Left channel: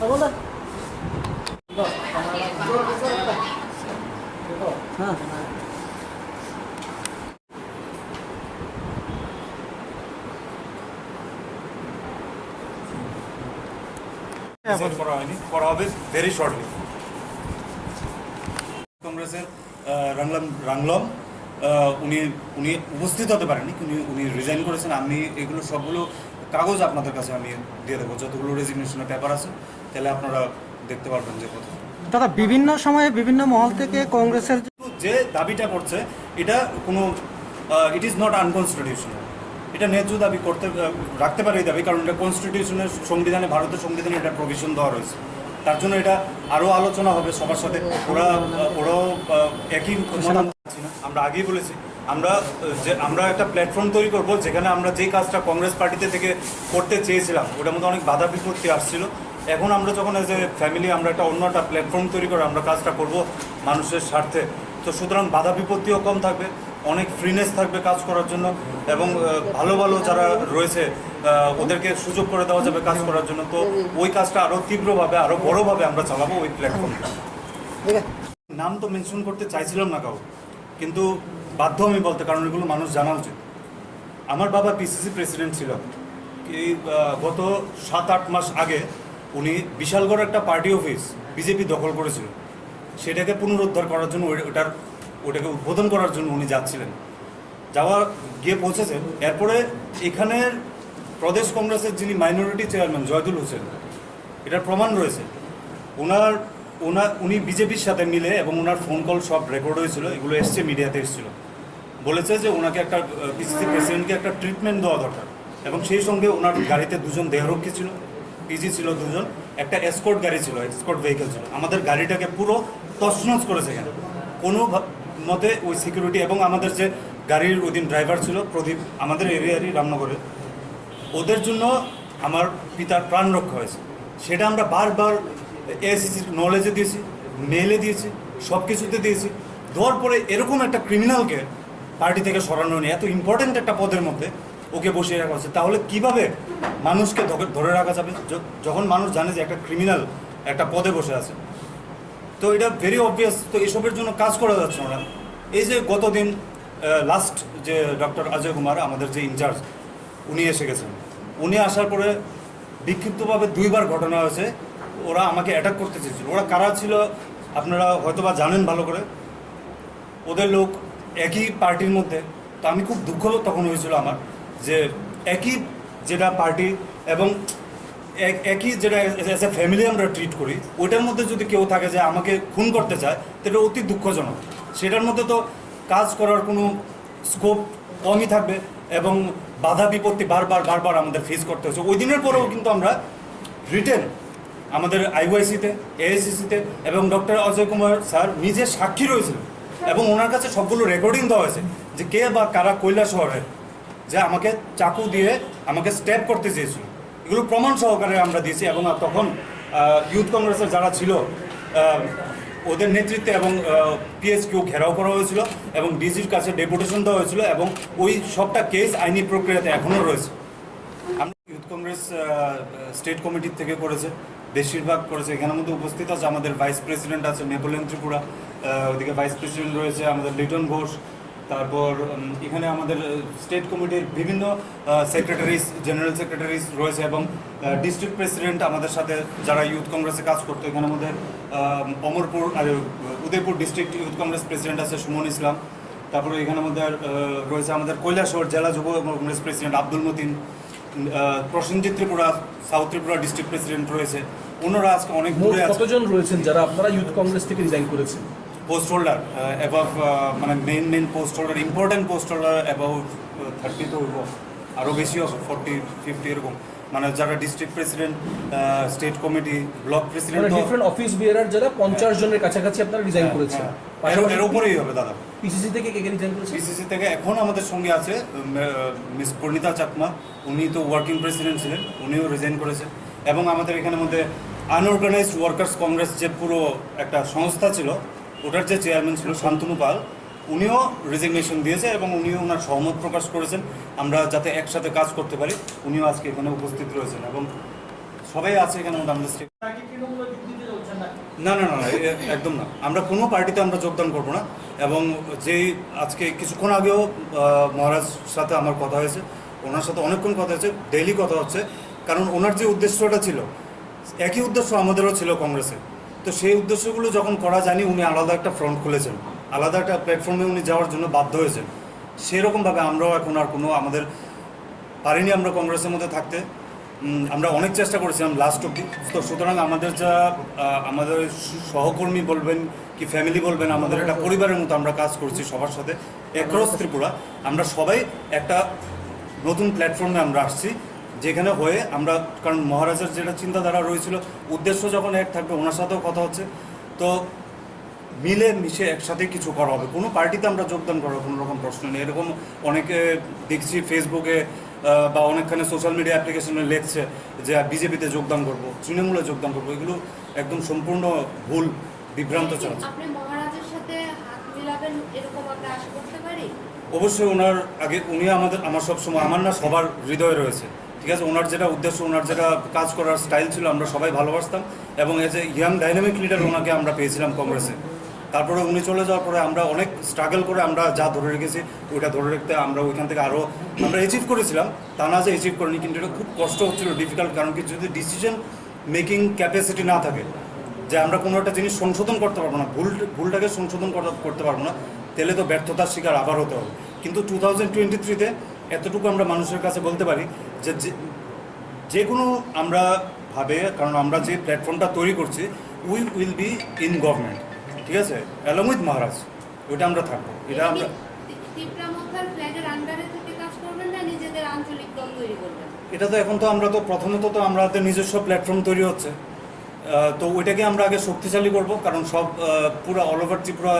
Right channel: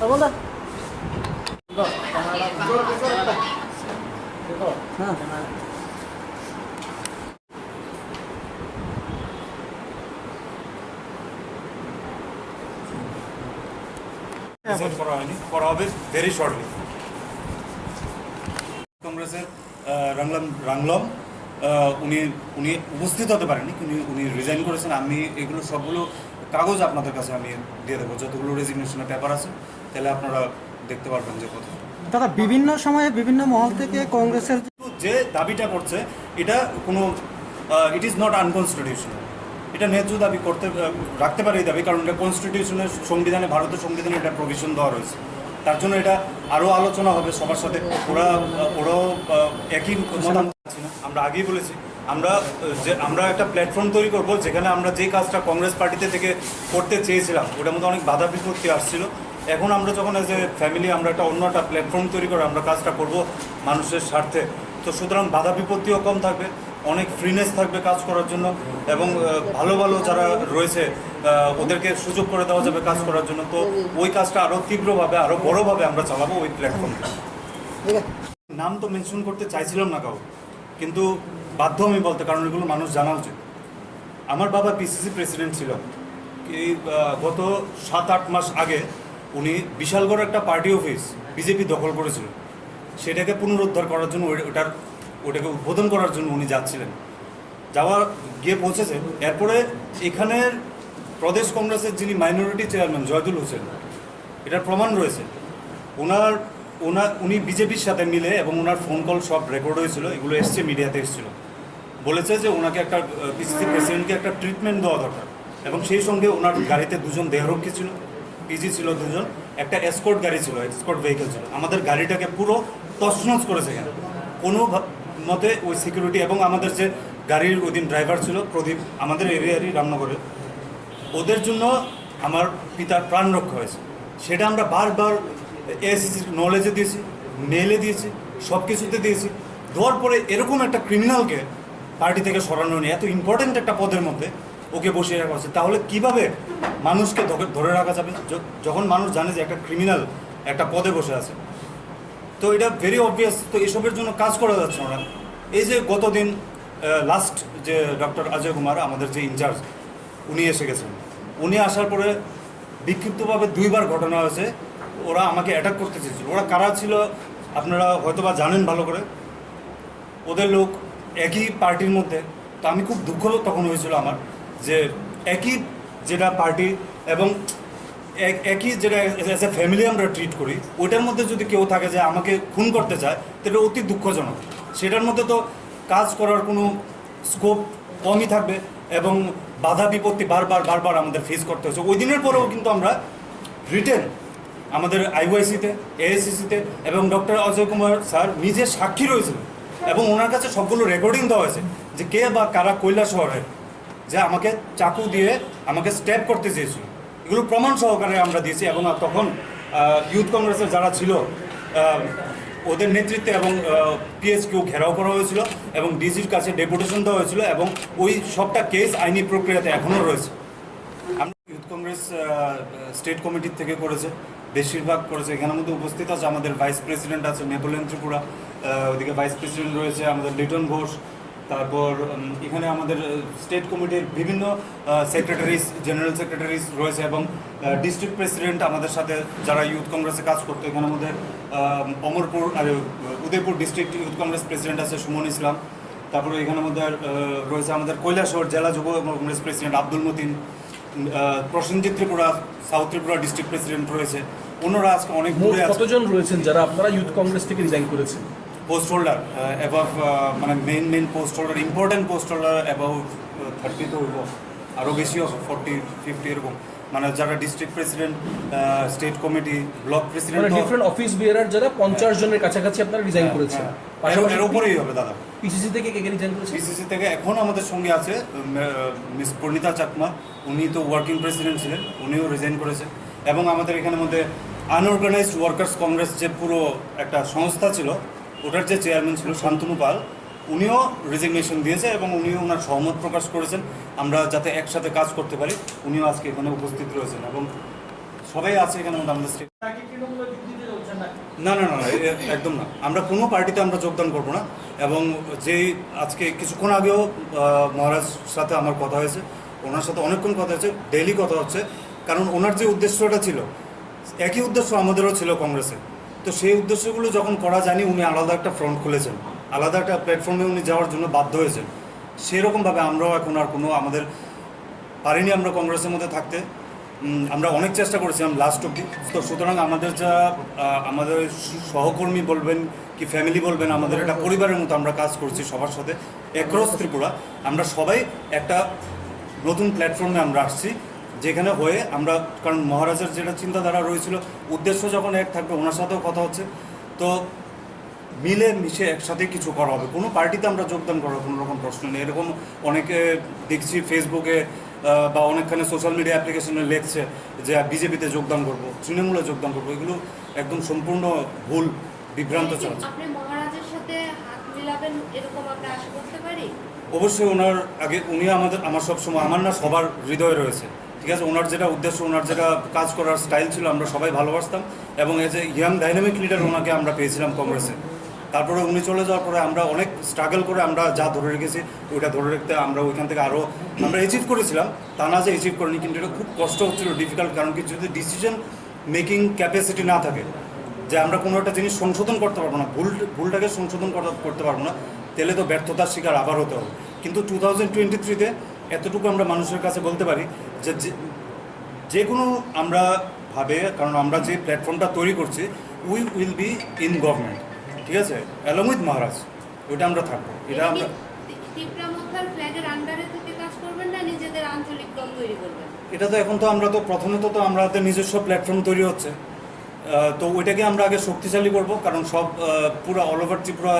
बोला हाँ করা হয়নি, করা হবে ভেরি শর্টলি। কংগ্রেসের রাংলম উনি উনি উপস্থিত হতে পারেননি, উনি রিজাইন করেছেন। আমি এগুলো সবগুলো কাগজ আপনাদের কাছে আমি দিয়ে দেবো, যতগুলো রেজিগনেশনের পেপার আছে, তাহলে আপনারা দেখতে পারবেন যে কথা। দাদা বিভিন্ন সময়ে বিভিন্ন মহল থেকে কংগ্রেসের যে দাবিটা করছে এটা কোনো ইট ইজ নট আনকনস্টিটিউশনাল। এটা ন্যায্য দাবি করতে রাখতে পারে এই দাবি, কারণ এটা কনস্টিটিউশনের সংবিধানে, ভারতের সংবিধানে এটা প্রভিশন দেওয়া রয়েছে। তার জন্য এটা আরও আলোচনা হবে সবার সাথে। ওরাও একই মতামত আছে না। আমরা আগেই বলেছি আমরা একটা প্ল্যাটফর্ম তৈরি করব, যেখানে আমরা যেই কাজটা কংগ্রেস পার্টিতে থেকে করতে চেয়েছিলাম ওটার মধ্যে অনেক বাধা বিপত্তি আসছিল। এখন আমরা যখন এজ এ ফ্যামিলি আমরা অন্য একটা প্ল্যাটফর্ম তৈরি করে আমরা কাজটা করব মানুষের স্বার্থে, তো সুতরাং বাধা বিপত্তিও কম থাকবে, অনেক ফ্রিনেস থাকবে কাজ করার জন্য, এবং ভালো ভালো যারা রয়েছে ওদেরকে সুযোগ করে দেওয়া যাবে কাজ করার জন্য। তো ওই কাজটা আরও তীব্রভাবে, আরও বড়োভাবে আমরা চালাবো ওই প্ল্যাটফর্মে। নাম তো মেনশন করতে চাইছিলাম না কাউ, কিন্তু বাধ্য আমি বলতে, কারণ এগুলো মানুষ জানা উচিত। আমার বাবা পিসিসি প্রেসিডেন্ট ছিল। এই গত 7-8 মাস আগে উনি বিশালগড় একটা পার্টি অফিস বিজেপি দখল করেছিল, সেটাকে পুনরুদ্ধার করার জন্য ওটাকে উদ্বোধন করার জন্য উনি যাচ্ছিলেন, গিয়ে পৌঁছেছেন। এরপরে এখানের প্রদেশ কংগ্রেসের যিনি মাইনরিটি চেয়ারম্যান জয়দুল হোসেন, এটার প্রমাণ রয়েছে, উনি বিজেপির সাথে মিলে, এবং ওনার ফোন কল সব রেকর্ড হয়েছিল, এগুলো এসছে, মিডিয়াতে এসেছিল, বলেছে যে ওনাকে একটা পিসিসি প্রেসিডেন্টকে একটা ট্রিটমেন্ট দেওয়া দরকার। এবং সেই সঙ্গে ওনার গাড়িতে 2জন দেহরক্ষী ছিল, পিজি ছিল 2জন, একটা এসকর্ট গাড়ি ছিল, এসকর্ট ভেহিকেল ছিল। আমাদের গাড়িটাকে পুরো তছনছ করেছে এখানে কোনো মতে ওই সিকিউরিটি। এবং আমাদের যে গাড়ির ওই দিন ড্রাইভার ছিল প্রদীপ, আমাদের এরিয়ারই রামনগরে, ওদের জন্য আমার পিতার প্রাণ রক্ষা হয়েছে। সেটা আমরা বারবার এসিসির নলেজে দিয়েছি, মেলে দিয়েছি, সব কিছুতে দিয়েছি। দেওয়ার পরে এরকম একটা ক্রিমিনালকে পার্টি থেকে সরানো নিয়ে, এত ইম্পর্টেন্ট একটা পদের মধ্যে ওকে বসিয়ে রাখা হচ্ছে, তাহলে কিভাবে মানুষকে ধরে রাখা যাবে যখন মানুষ জানে যে একটা ক্রিমিনাল একটা পদে বসে আছে? তো এটা ভেরি অবভিয়াস। তো এসবের জন্য কাজ করা যাচ্ছে না। এই যে গতদিন লাস্ট যে ডক্টর অজয় কুমার, আমাদের যে ইনচার্জ, উনি এসে গেছেন। উনি আসার পরে বিক্ষিপ্তভাবে 2বার ঘটনা হয়েছে, ওরা আমাকে অ্যাটাক করতে চেয়েছিল। ওরা কারা ছিল আপনারা হয়তো বা জানেন ভালো করে, ওদের লোক একই পার্টির মধ্যে। তো আমি খুব দুঃখ তখন হয়েছিল আমার, যে একই যেটা পার্টি এবং একই যেটা এজ এ ফ্যামিলি আমরা ট্রিট করি, ওইটার মধ্যে যদি কেউ থাকে যে আমাকে খুন করতে চায়, তাহলে অতি দুঃখজনক। সেটার মধ্যে তো কাজ করার কোনো স্কোপ কমই থাকবে, এবং বাধা বিপত্তি বারবার আমাদের ফেস করতে হচ্ছে। ওই দিনের পরেও কিন্তু আমরা রিটেন আমাদের আইওয়াইসিতে, এআইসিসিতে, এবং ডক্টর অজয় কুমার স্যার নিজে সাক্ষী রয়েছিলেন, এবং ওনার কাছে সবগুলো রেকর্ডিং দেওয়া হয়েছে যে কে বা কারা কৈলাসহরের যে আমাকে চাকু দিয়ে আমাকে স্ট্যাব করতে চেয়েছিল। এগুলো প্রমাণ সহকারে আমরা দিয়েছি। এবং তখন ইউথ কংগ্রেসের যারা ছিল ওদের নেতৃত্বে এবং পিএসকিউ ঘেরাও করা হয়েছিল, এবং ডিজির কাছে ডেপুটেশন দেওয়া হয়েছিল, এবং ওই সবটা কেস আইনি প্রক্রিয়াতে এখনও রয়েছে। আমরা ইউথ কংগ্রেস স্টেট কমিটির থেকে করেছে, বেশিরভাগ করেছে। এখানের মধ্যে উপস্থিত আছে আমাদের ভাইস প্রেসিডেন্ট আছে নেপোলিয়ন ত্রিপুরা, ওইদিকে ভাইস প্রেসিডেন্ট রয়েছে আমাদের লিটন ঘোষ, তারপর এখানে আমাদের স্টেট কমিটির বিভিন্ন সেক্রেটারিজ, জেনারেল সেক্রেটারিজ রয়েছে, এবং ডিস্ট্রিক্ট প্রেসিডেন্ট আমাদের সাথে যারা ইউথ কংগ্রেসে কাজ করতো। এখানে আমাদের অমরপুর আর Udaipur district youth Congress president আছে সুমন ইসলাম। তারপরে এখানে মধ্যে রয়েছে আমাদের কৈলাসহর জেলা যুব Congress president Abdul Matin, Prosenjit Tripura south Tripura district president রয়েছে। অন্যরা আজকে অনেক দূরে আছে। কতজন রয়েছেন যারা আপনারা ইউথ কংগ্রেস থেকে রিজাইন করেছেন? পোস্ট হোল্ডার অ্যাবাভ, মানে main post holder, important post holder above 30 তো হইব, আরও বেশি হবে, 40-50 এরকম। মানে যারা district president, state committee, block president, different office bearer যারা 50 জনের কাছাকাছি আপনারা রিজাইন করেছেন। এর উপরেই হবে দাদা। পিসিসি থেকে কে রিজাইন করেছেন? পিসিসি থেকে এখন আমাদের সঙ্গে আছে মিস পরিণীতা চাকমা, উনি তো ওয়ার্কিং প্রেসিডেন্ট ছিলেন, উনিও রিজাইন করেছেন। এবং আমাদের এখানের মধ্যে আনঅর্গানাইজড ওয়ার্কার্স কংগ্রেস যে পুরো একটা সংস্থা ছিল, ওটার যে চেয়ারম্যান ছিল শান্তনু পাল, উনিও রেজিগনেশন দিয়েছে, এবং উনিও ওনার সহমত প্রকাশ করেছেন আমরা যাতে একসাথে কাজ করতে পারি। উনিও আজকে এখানে উপস্থিত রয়েছেন, এবং সবাই আছে এখানে আমাদের স্টেট। না না না না, একদম না। আমরা কোনো পার্টিতে আমরা যোগদান করবো না। এবং যেই আজকে কিছুক্ষণ আগেও মহারাজ সাথে আমার কথা হয়েছে, ওনার সাথে অনেকক্ষণ কথা হয়েছে, ডেইলি কথা হচ্ছে। কারণ ওনার যে উদ্দেশ্যটা ছিল, একই উদ্দেশ্য আমাদেরও ছিল কংগ্রেসে। তো সেই উদ্দেশ্যগুলো যখন করা যায়নি, উনি আলাদা একটা ফ্রন্ট খুলেছেন, আলাদা একটা প্ল্যাটফর্মে উনি যাওয়ার জন্য বাধ্য হয়েছেন। সেরকমভাবে আমরাও এখন আর কোনো আমাদের পারিনি আমরা কংগ্রেসের মধ্যে থাকতে। আমরা অনেক চেষ্টা করেছিলাম লাস্ট অব্দি। তো সুতরাং আমাদের যা আমাদের সহকর্মী বলবেন কি ফ্যামিলি বলবেন, আমাদের একটা পরিবারের মতো আমরা কাজ করছি সবার সাথে অ্যাক্রস ত্রিপুরা। আমরা সবাই একটা নতুন প্ল্যাটফর্মে আমরা আসছি, যেখানে হয়ে আমরা, কারণ মহারাজের যেটা চিন্তাধারা রয়েছিল, উদ্দেশ্য যখন এক থাকবে, ওনার সাথেও কথা হচ্ছে। তো মিলে মিশে একসাথে কিছু করা হবে। কোনো পার্টিতে আমরা যোগদান করার কোনো রকম প্রশ্ন নেই। এরকম অনেকে দেখছি ফেসবুকে বা অনেকখানে সোশ্যাল মিডিয়া অ্যাপ্লিকেশনে লিখছে যে বিজেপিতে যোগদান করব, তৃণমূলে যোগদান করব। এগুলো একদম সম্পূর্ণ ভুল, বিভ্রান্ত চলছে। আপনি মহারাজের সাথে হাত মিলাবেন এরকম আমরা আশা করতে পারি? অবশ্যই ওনার আগে উনি আমার সব সময়, আমার না সবার হৃদয়ে রয়েছে, ঠিক আছে। ওনার যেটা উদ্দেশ্য, ওনার যেটা কাজ করার স্টাইল ছিল, আমরা সবাই ভালোবাসতাম। এবং as a young dynamic leader ওনাকে আমরা পেয়েছিলাম কংগ্রেসে। তারপরে উনি চলে যাওয়ার পরে আমরা অনেক স্ট্রাগল করে আমরা যা ধরে রেখেছি ওইটা ধরে রাখতে আমরা ওইখান থেকে আরও আমরা অ্যাচিভ করেছিলাম। তা না যে অ্যাচিভ করিনি, কিন্তু এটা খুব কষ্ট হচ্ছিল, ডিফিকাল্ট। কারণ কি, যদি ডিসিশন মেকিং ক্যাপাসিটি না থাকে, যে আমরা কোনো একটা জিনিস সংশোধন করতে পারবো না, ভুলটাকে সংশোধন করতে পারবো না, তাহলে তো ব্যর্থতার শিকার আবার হতে হবে। কিন্তু 2023-তে এতটুকু আমরা মানুষের কাছে বলতে পারি যে যে কোনো আমরা ভাবে, কারণ আমরা যে প্ল্যাটফর্মটা তৈরি করছি, we will be in government, ঠিক আছে, অ্যালং উইথ মহারাজ। ওইটা আমরা থাকবো। এটা আমরা ত্রিপুরা মোথার ফ্ল্যাগের আন্ডারে থেকে কাজ করবেন না নিজেদের আঞ্চলিক দল তৈরি করবেন? এটা তো এখন তো আমরা তো প্রথমত তো আমাদের নিজস্ব প্ল্যাটফর্ম তৈরি হচ্ছে। তো ওইটাকে আমরা আগে শক্তিশালী করব। কারণ সব পুরো অল ওভার ত্রিপুরা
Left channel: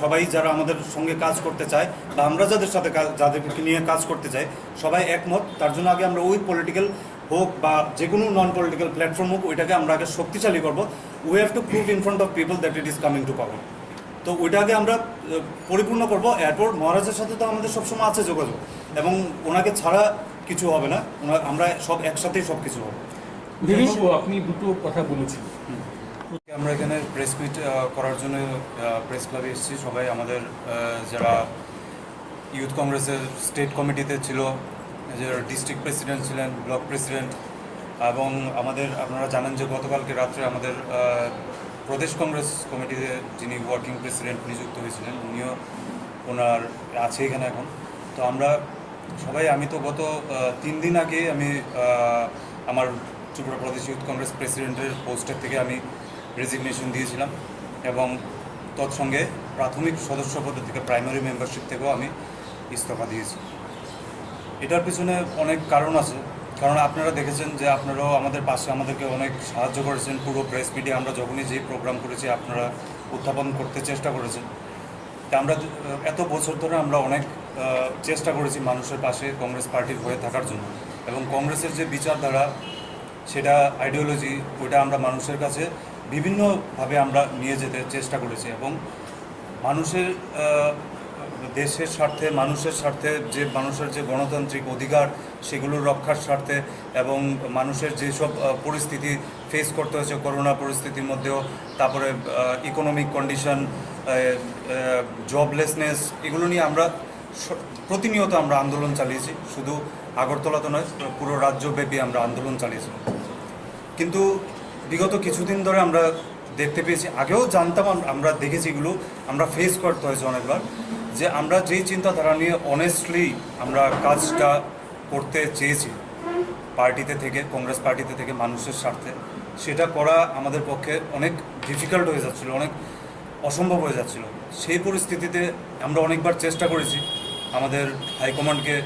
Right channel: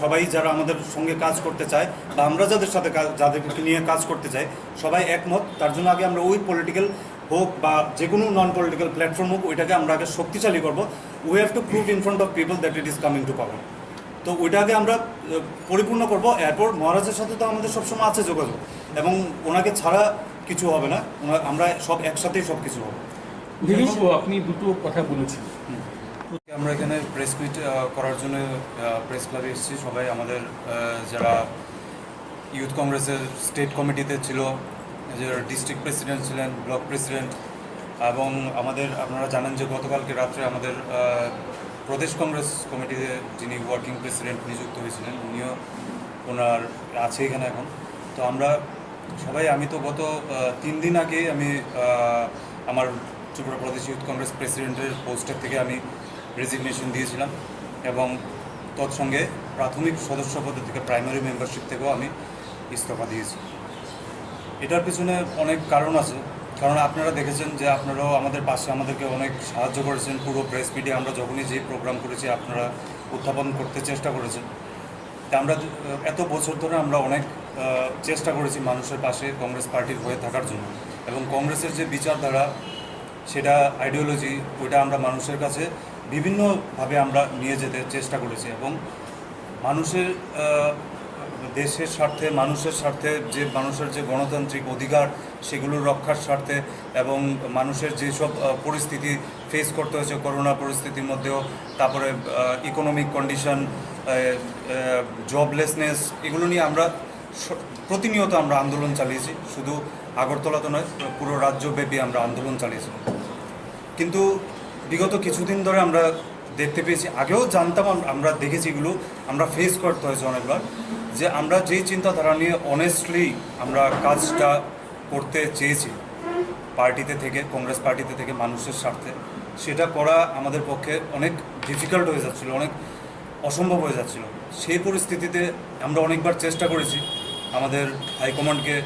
সবাই যারা আমাদের সঙ্গে কাজ করতে চায়, বা আমরা যাদের সাথে যাদেরকে নিয়ে কাজ করতে চাই, সবাই একমত। তার জন্য আগে আমরা ওই পলিটিক্যাল হোক বা যে কোনো নন পলিটিক্যাল প্ল্যাটফর্ম হোক, ওইটাকে আমরা আগে শক্তিশালী করব। We have to prove in front of people that it is coming to power. তো ওইটাকে আমরা পরিপূর্ণ করব। এরপর মহারাজের সাথে তো আমাদের সবসময় আছে যোগাযোগ, এবং ওনাকে ছাড়া কিছু হবে না। আমরা সব একসাথেই সব কিছু হবে। আপনি দুটো কথা বলেছেন। আমরা এখানে প্রেস মিট করার জন্য প্রেস ক্লাবে এসেছি সবাই। আমাদের যারা ইউথ কংগ্রেসের স্টেট কমিটিতে ছিল, যে ডিস্ট্রিক্ট প্রেসিডেন্ট ছিলেন, ব্লক প্রেসিডেন্ট, এবং আপনারা জানেন যে গতকালকে রাত্রে আমাদের প্রদেশ কংগ্রেস কমিটিতে যিনি ওয়ার্কিং প্রেসিডেন্ট নিযুক্ত হয়েছিলেন, উনিও ওনার আছে এখানে এখন। তো আমরা সবাই, আমি তো গত 3 দিন আগে আমি আমার ত্রিপুরা প্রদেশ ইউথ কংগ্রেস প্রেসিডেন্টের পোস্টের থেকে আমি রেজিগনেশন দিয়েছিলাম, এবং তৎসঙ্গে প্রাথমিক সদস্য পদ থেকে প্রাইমারি মেম্বারশিপ থেকেও আমি ইস্তফা দিয়েছি। এটার পিছনে অনেক কারণ আছে। কারণ আপনারা দেখেছেন যে আপনারাও আমাদের পাশে আমাদেরকে অনেক সাহায্য করেছেন। পুরো প্রেস মিডিয়া আমরা যখনই যে প্রোগ্রাম করেছি, আপনারা উত্থাপন করতে চেষ্টা করেছেন। তা আমরা এত বছর ধরে আমরা অনেক চেষ্টা করেছি মানুষের পাশে কংগ্রেস পার্টির হয়ে থাকার জন্য, এবং কংগ্রেসের যে বিচারধারা, সেটা আইডিওলজি, ওইটা আমরা মানুষের কাছে বিভিন্নভাবে আমরা নিয়ে যেতে চেষ্টা করেছি। এবং মানুষের দেশের স্বার্থে, মানুষের স্বার্থে, যে মানুষের যে গণতান্ত্রিক অধিকার, সেগুলোর রক্ষার স্বার্থে, এবং মানুষের যেসব পরিস্থিতি ফেস করতে হয়েছে করোনা পরিস্থিতির মধ্যেও, তারপরে ইকোনমিক কন্ডিশন, জবলেসনেস, এগুলো নিয়ে আমরা প্রতিনিয়ত আমরা আন্দোলন চালিয়েছি। শুধু আগরতলাতে নয়, পুরো রাজ্যব্যাপী আমরা আন্দোলন চালিয়েছি। কিন্তু বিগত কিছুদিন ধরে আমরা দেখতে পেয়েছি, আগেও জানতাম, আমরা দেখেছি, এগুলো আমরা ফেস করতে হয়েছে অনেকবার, যে আমরা যেই চিন্তাধারা নিয়ে অনেস্টলি আমরা কাজটা করতে চেয়েছি পার্টিতে থেকে, কংগ্রেস পার্টিতে থেকে মানুষের স্বার্থে, সেটা করা আমাদের পক্ষে অনেক ডিফিকাল্ট হয়ে যাচ্ছিল, অনেক অসম্ভব হয়ে যাচ্ছিল। সেই পরিস্থিতিতে আমরা অনেকবার চেষ্টা করেছি আমাদের হাইকমান্ডকে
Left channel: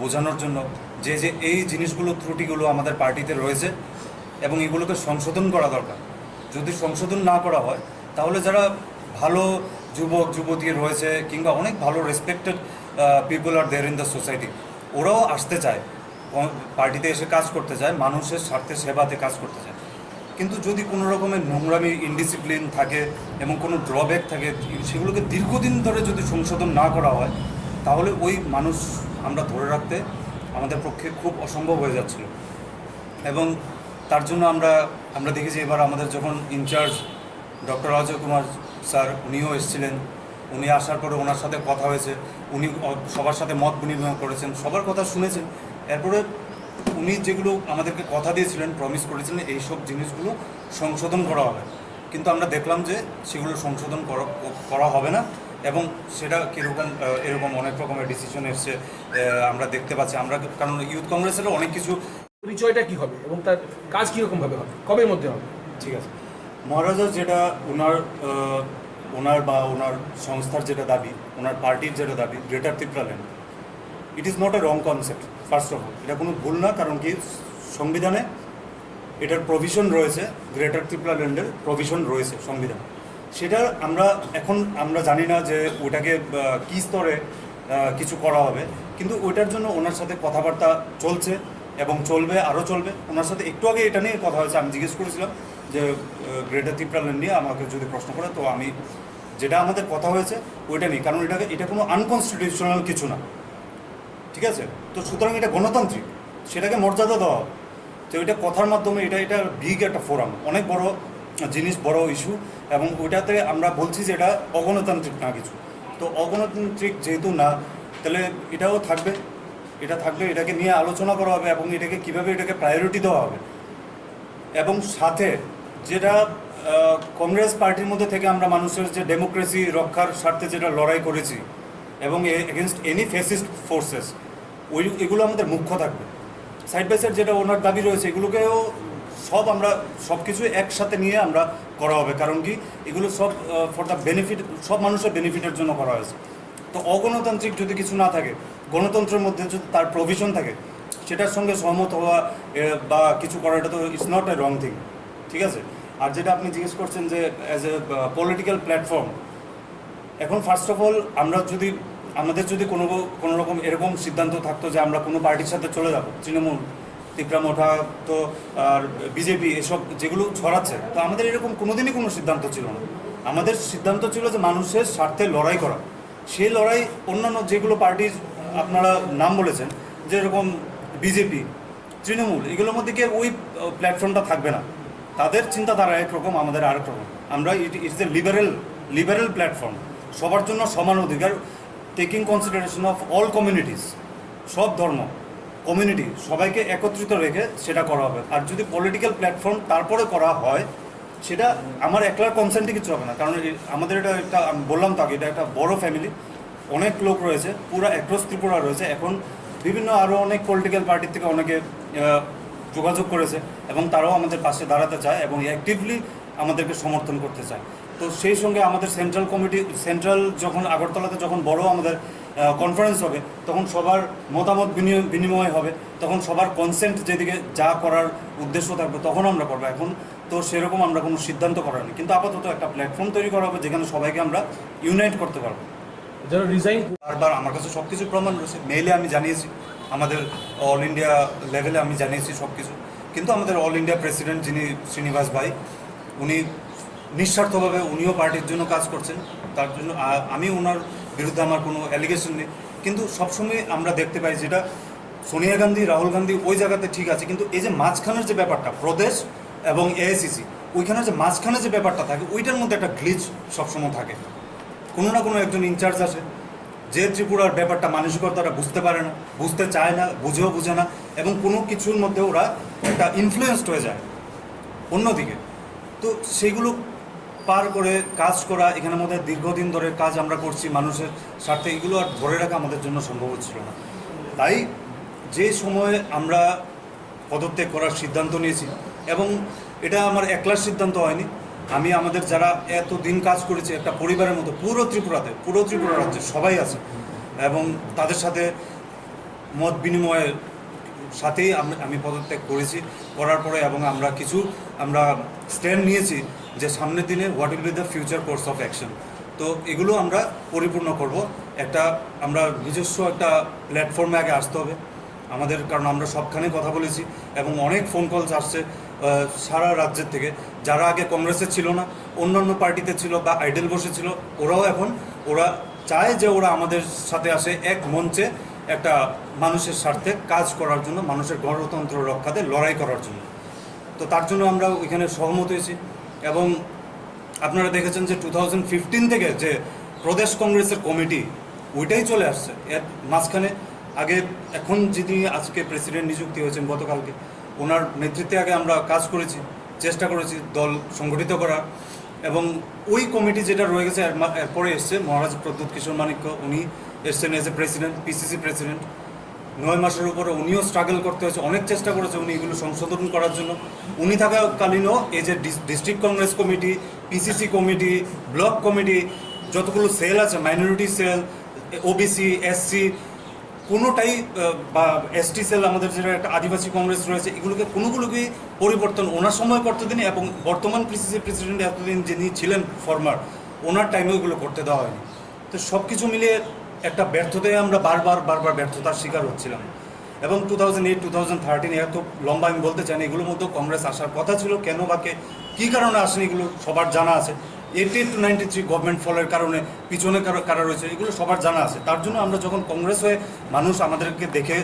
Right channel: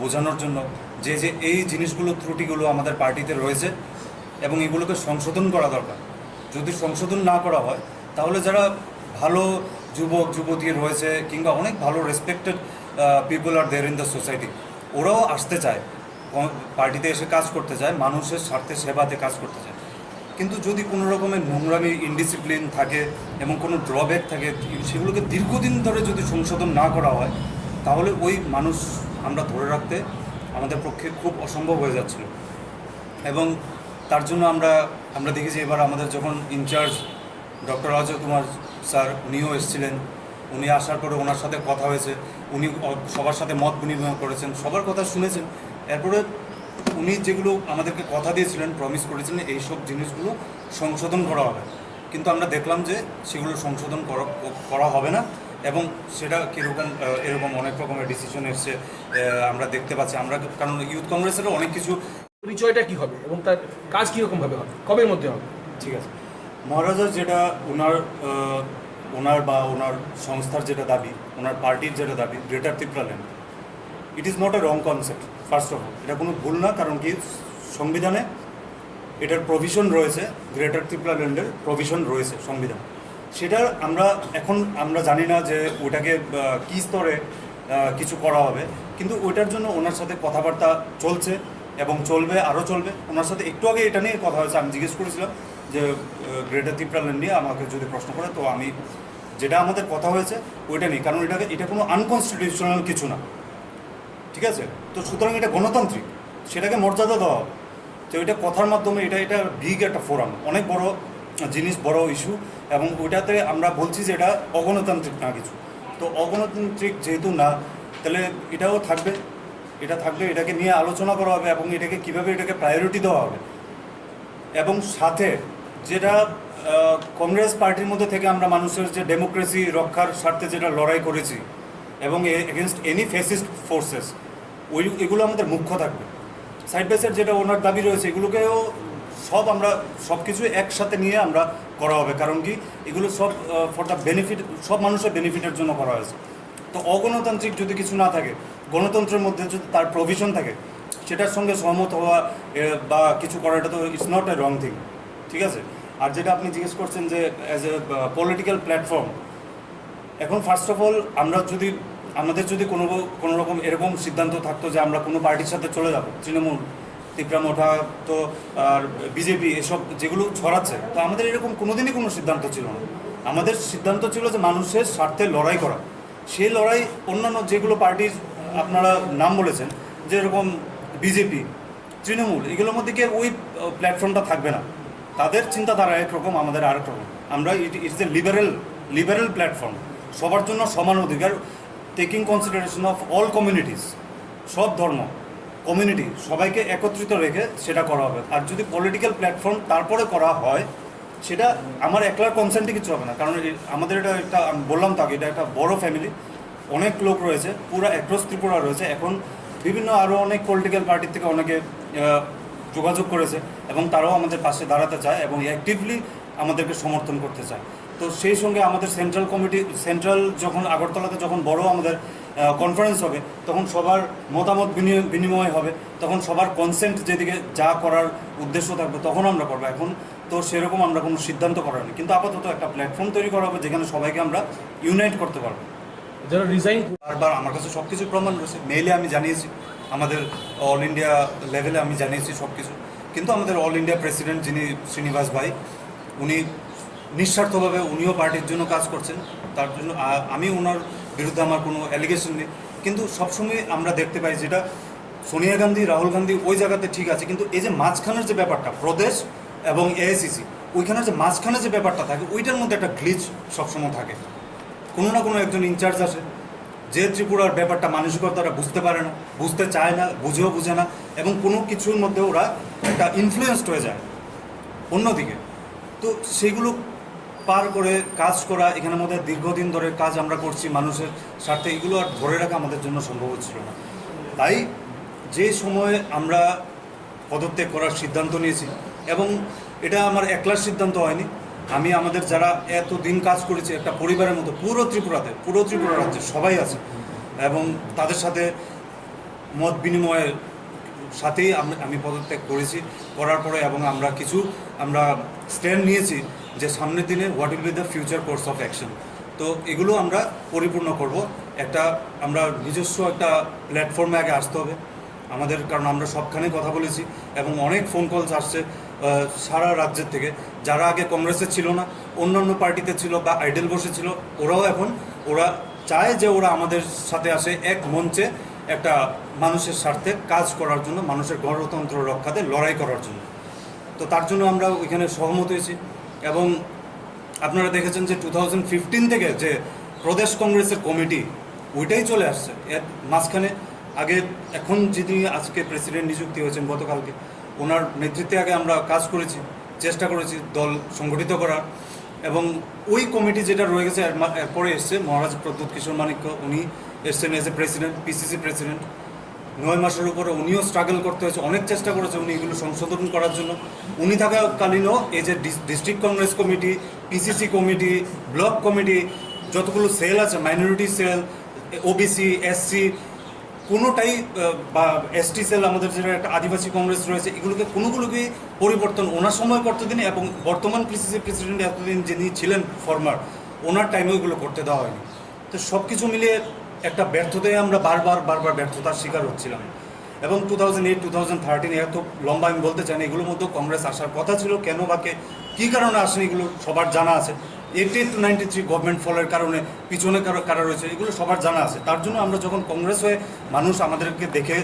বোঝানোর জন্য যে এই জিনিসগুলো, ত্রুটিগুলো আমাদের পার্টিতে রয়েছে এবং এগুলোকে সংশোধন করা দরকার। যদি সংশোধন না করা হয়, তাহলে যারা ভালো যুবক যুবতী রয়েছে, কিংবা অনেক ভালো respected people are there in the society, ওরাও আসতে চায়, পার্টিতে এসে কাজ করতে চায়, মানুষের স্বার্থে সেবাতে কাজ করতে চায়। কিন্তু যদি কোনো রকমের নোংরামি, ইনডিসিপ্লিন থাকে এবং কোনো ড্রব্যাক থাকে, সেগুলোকে দীর্ঘদিন ধরে যদি সংশোধন না করা হয়, তাহলে ওই মানুষ আমরা ধরে রাখতে আমাদের পক্ষে খুব অসম্ভব হয়ে যাচ্ছিল। এবং তার জন্য আমরা দেখেছি এবার আমাদের যখন in charge doctor Ajay Kumar sir উনিও এসেছিলেন, উনি আসার পরে ওনার সাথে কথা হয়েছে, উনি সবার সাথে মত বিনিময় করেছেন, সবার কথা শুনেছেন। এরপরে উনি যেগুলো আমাদেরকে কথা দিয়েছিলেন, প্রমিস করেছিলেন এইসব জিনিসগুলো সংশোধন করা হবে, কিন্তু আমরা দেখলাম যে সেগুলো সংশোধন করা হবে না এবং সেটা কীরকম এরকম অনেক রকমের ডিসিশন এসছে আমরা দেখতে পাচ্ছি। আমরা কারণ ইউথ কংগ্রেসেরও অনেক কিছু পরিচয়টা কি হবে এবং তার কাজ কীরকমভাবে হবে, কবের মধ্যে হবে? ঠিক আছে, মহারাজা যেটা ওনার বা ওনার সংস্থার যেটা দাবি, ওনার পার্টির যেটা দাবি, greater Tripuraland, it is not a wrong concept. First of all এটা কোনো ভুল না, কারণ কি সংবিধানে এটার প্রভিশন রয়েছে, গ্রেটার ত্রিপুরাল্যান্ডের প্রভিশন রয়েছে সংবিধানে। সেটা আমরা জানি না যে ওটাকে কী স্তরে কিছু করা হবে, কিন্তু ওইটার জন্য ওনার সাথে কথাবার্তা চলছে এবং চলবে, আরও চলবে। ওনার সাথে একটু আগে এটা নিয়ে কথা হয়েছে, আমি জিজ্ঞেস করেছিলাম যে গ্রেটার ত্রিপুরাল্যান্ড নিয়ে আমাকে যদি প্রশ্ন করে, তো আমি যেটা আমাদের কথা হয়েছে ওইটা নিয়ে, কারণ এটা কোনো আনকনস্টিটিউশনাল কিছু না, ঠিক আছে? তো সুতরাং এটা গণতান্ত্রিক, সেটাকে মর্যাদা দেওয়া হবে। তো এটা কথার মাধ্যমে এটা বিগ একটা ফোরাম, অনেক বড় জিনিস, বড় ইস্যু, এবং ওইটাতে আমরা বলছি যে এটা অগণতান্ত্রিক না কিছু। তো অগণতান্ত্রিক যেহেতু না, তাহলে এটাও থাকবে, এটাকে নিয়ে আলোচনা করা হবে এবং কীভাবে এটাকে প্রায়োরিটি দেওয়া হবে। এবং সাথে যেটা কংগ্রেস পার্টির মধ্যে থেকে আমরা মানুষের যে ডেমোক্রেসি রক্ষার স্বার্থে যেটা লড়াই করেছি এবং এগেনস্ট এনি ফ্যাসিস্ট ফোর্সেস, এগুলো আমাদের মুখ্য থাকবে। সাইড বাই সাইড যেটা ওনার দাবি রয়েছে, এগুলোকেও আমরা সব কিছু একসাথে নিয়ে আমরা করা হবে, কারণ কি এগুলো সব ফর দ্য বেনিফিট, সব মানুষের বেনিফিটের জন্য করা হয়েছে। তো অগণতান্ত্রিক যদি কিছু না থাকে, গণতন্ত্রের মধ্যে যদি তার প্রভিশন থাকে, সেটার সঙ্গে সহমত হওয়া বা কিছু করা, এটা তো it's not a wrong thing, ঠিক আছে? আর যেটা আপনি জিজ্ঞেস করছেন যে অ্যাজ এ পলিটিক্যাল প্ল্যাটফর্ম, এখন ফার্স্ট অফ অল আমাদের যদি কোনো রকম এরকম সিদ্ধান্ত থাকতো যে আমরা কোনো পার্টির সাথে চলে যাব, তৃণমূল, তিপ্রামোঠা, তো আর বিজেপি, এসব যেগুলো ছড়াচ্ছে, তো আমাদের এরকম কোনোদিনই কোনো সিদ্ধান্ত ছিল না। আমাদের সিদ্ধান্ত ছিল যে মানুষের স্বার্থে লড়াই করা। সেই লড়াই অন্যান্য যেগুলো পার্টির আপনারা নাম বলেছেন, যেরকম বিজেপি, তৃণমূল, এগুলোর মধ্যে গিয়ে ওই প্ল্যাটফর্মটা থাকবে না। তাদের চিন্তাধারা একরকম, আমাদের আরেক রকম। আমরা ইটস এ লিবারেল প্ল্যাটফর্ম, সবার জন্য সমান অধিকার, taking consideration of all communities, সব ধর্ম কমিউনিটি, সবাইকে একত্রিত রেখে সেটা করা হবে। আর যদি পলিটিক্যাল প্ল্যাটফর্ম তারপরে করা হয়, সেটা আমার একলার কনসেন্টে কিছু হবে না, কারণ আমাদের এটা আমি বললাম তো আগে, এটা একটা বড় ফ্যামিলি, অনেক লোক রয়েছে, পুরো অ্যাক্রস ত্রিপুরা রয়েছে। এখন বিভিন্ন আরও অনেক পলিটিক্যাল পার্টির থেকে অনেকে যোগাযোগ করেছে এবং তারাও আমাদের পাশে দাঁড়াতে চায় এবং অ্যাক্টিভলি আমাদেরকে সমর্থন করতে চায়। তো সেই সঙ্গে আমাদের সেন্ট্রাল যখন আগরতলাতে যখন বড় আমাদের কনফারেন্স হবে, তখন সবার মতামত বিনিময় হবে, তখন সবার কনসেন্ট যেদিকে যা করার উদ্দেশ্য থাকবে তখন আমরা করবো। এখন তো সেরকম আমরা কোনো সিদ্ধান্ত করার নেই, কিন্তু আপাতত একটা প্ল্যাটফর্ম তৈরি করা হবে যেখানে সবাইকে আমরা ইউনাইট করতে পারবো। যারা রিজাইন, বারবার আমার কাছে সব কিছু প্রমাণ রয়েছে, মেইলে আমি জানিয়েছি, আমাদের অল ইন্ডিয়া লেভেলে আমি জানিয়েছি সব কিছু। কিন্তু আমাদের অল ইন্ডিয়া প্রেসিডেন্ট যিনি শ্রীনিবাস ভাই, উনি নিঃস্বার্থভাবে উনিও পার্টির জন্য কাজ করছেন, তার জন্য আমি ওনার বিরুদ্ধে আমার কোনো অ্যালিগেশন নেই। কিন্তু সবসময় আমরা দেখতে পাই যেটা সোনিয়া গান্ধী, রাহুল গান্ধী ওই জায়গাতে ঠিক আছে, কিন্তু এই যে মাঝখানের যে ব্যাপারটা, প্রদেশ এবং এআইসিসি, ওইখানের যে মাঝখানে যে ব্যাপারটা থাকে, ওইটার মধ্যে একটা গ্লিচ সবসময় থাকে। কোনো না কোনো একজন ইনচার্জ আসে, যে ত্রিপুরার ব্যাপারটা মানসিকতাটা বুঝতে পারে না, বুঝতে চায় না, বুঝে না, এবং কোনো কিছুর মধ্যে ওরা একটা ইনফ্লুয়েসড হয়ে যায় অন্যদিকে। তো সেইগুলো পার করে কাজ করা, এখানের মধ্যে দীর্ঘদিন ধরে কাজ আমরা করছি মানুষের স্বার্থে, এগুলো আর ধরে রাখা আমাদের জন্য সম্ভব হচ্ছিল না। তাই যে সময়ে আমরা পদত্যাগ করার সিদ্ধান্ত নিয়েছি, এবং এটা আমার একলার সিদ্ধান্ত হয়নি, আমি আমাদের যারা এতদিন কাজ করেছি একটা পরিবারের মতো, পুরো ত্রিপুরা রাজ্যে সবাই আছে, এবং তাদের সাথে মত বিনিময়ের সাথেই আমি পদত্যাগ করার পরে, এবং আমরা স্ট্যান্ড নিয়েছি যে সামনের দিনে what will be the future course of action. তো এগুলো আমরা পরিপূর্ণ করব। আমরা নিজস্ব একটা প্ল্যাটফর্মে আগে আসতে হবে আমাদের, কারণ আমরা সবখানে কথা বলেছি এবং অনেক ফোন কলস আসছে সারা রাজ্যের থেকে, যারা আগে কংগ্রেসে ছিল না, অন্যান্য পার্টিতে ছিল বা আইডেল বসেছিল, ওরা চায় যে ওরা আমাদের সাথে আসে এক মঞ্চে একটা মানুষের স্বার্থে কাজ করার জন্য, মানুষের গণতন্ত্র রক্ষাতে লড়াই করার জন্য। তো তার জন্য আমরা ওইখানে সহমত হয়েছি। এবং আপনারা দেখেছেন যে 2015 থেকে যে প্রদেশ কংগ্রেসের কমিটি ওইটাই চলে আসছে। এর মাঝখানে আগে এখন যিনি আজকে প্রেসিডেন্ট নিযুক্তি হয়েছেন গতকালকে, ওনার নেতৃত্বে আগে আমরা কাজ করেছি, চেষ্টা করেছি দল সংগঠিত করার। এবং ওই কমিটি যেটা রয়ে গেছে এরপরে এসছে মহারাজ প্রদ্যুৎ কিশোর মানিক্য, উনি এসছেন as a president, PCC president. 9 মাসের উপরে উনিও স্ট্রাগল করতে হয়েছে, অনেক চেষ্টা করেছে উনি এগুলো সংশোধন করার জন্য। উনি থাকাকালীনও এই যে district Congress committee, PCC committee, block committee, যতগুলো সেল আছে, মাইনরিটি সেল, ওবিসি, এসসি, কোনোটাই বা এসটি সেল, আমাদের যেটা একটা আদিবাসী কংগ্রেস রয়েছে, এগুলোকে কোনোগুলোকেই পরিবর্তন ওনার সময় করতে দিন। এবং বর্তমান পিসিসি প্রেসিডেন্ট এতদিন যিনি ছিলেন ফরমার, ওনার টাইমে ওইগুলো করতে দেওয়া হয়নি। তো সব কিছু মিলিয়ে একটা ব্যর্থতায় আমরা বারবার ব্যর্থতার শিকার হচ্ছিলাম। এবং 2008, 2013 এত লম্বা আমি বলতে চাই না, এগুলোর মধ্যেও কংগ্রেস আসার কথা ছিল, কেন বা কী কারণে আসেনি এগুলো সবার জানা আছে। 88 to 93 গভর্নমেন্ট ফলের কারণে পিছনে কারা রয়েছে এগুলো সবার জানা আছে। তার জন্য আমরা যখন কংগ্রেস হয়ে মানুষ আমাদেরকে দেখে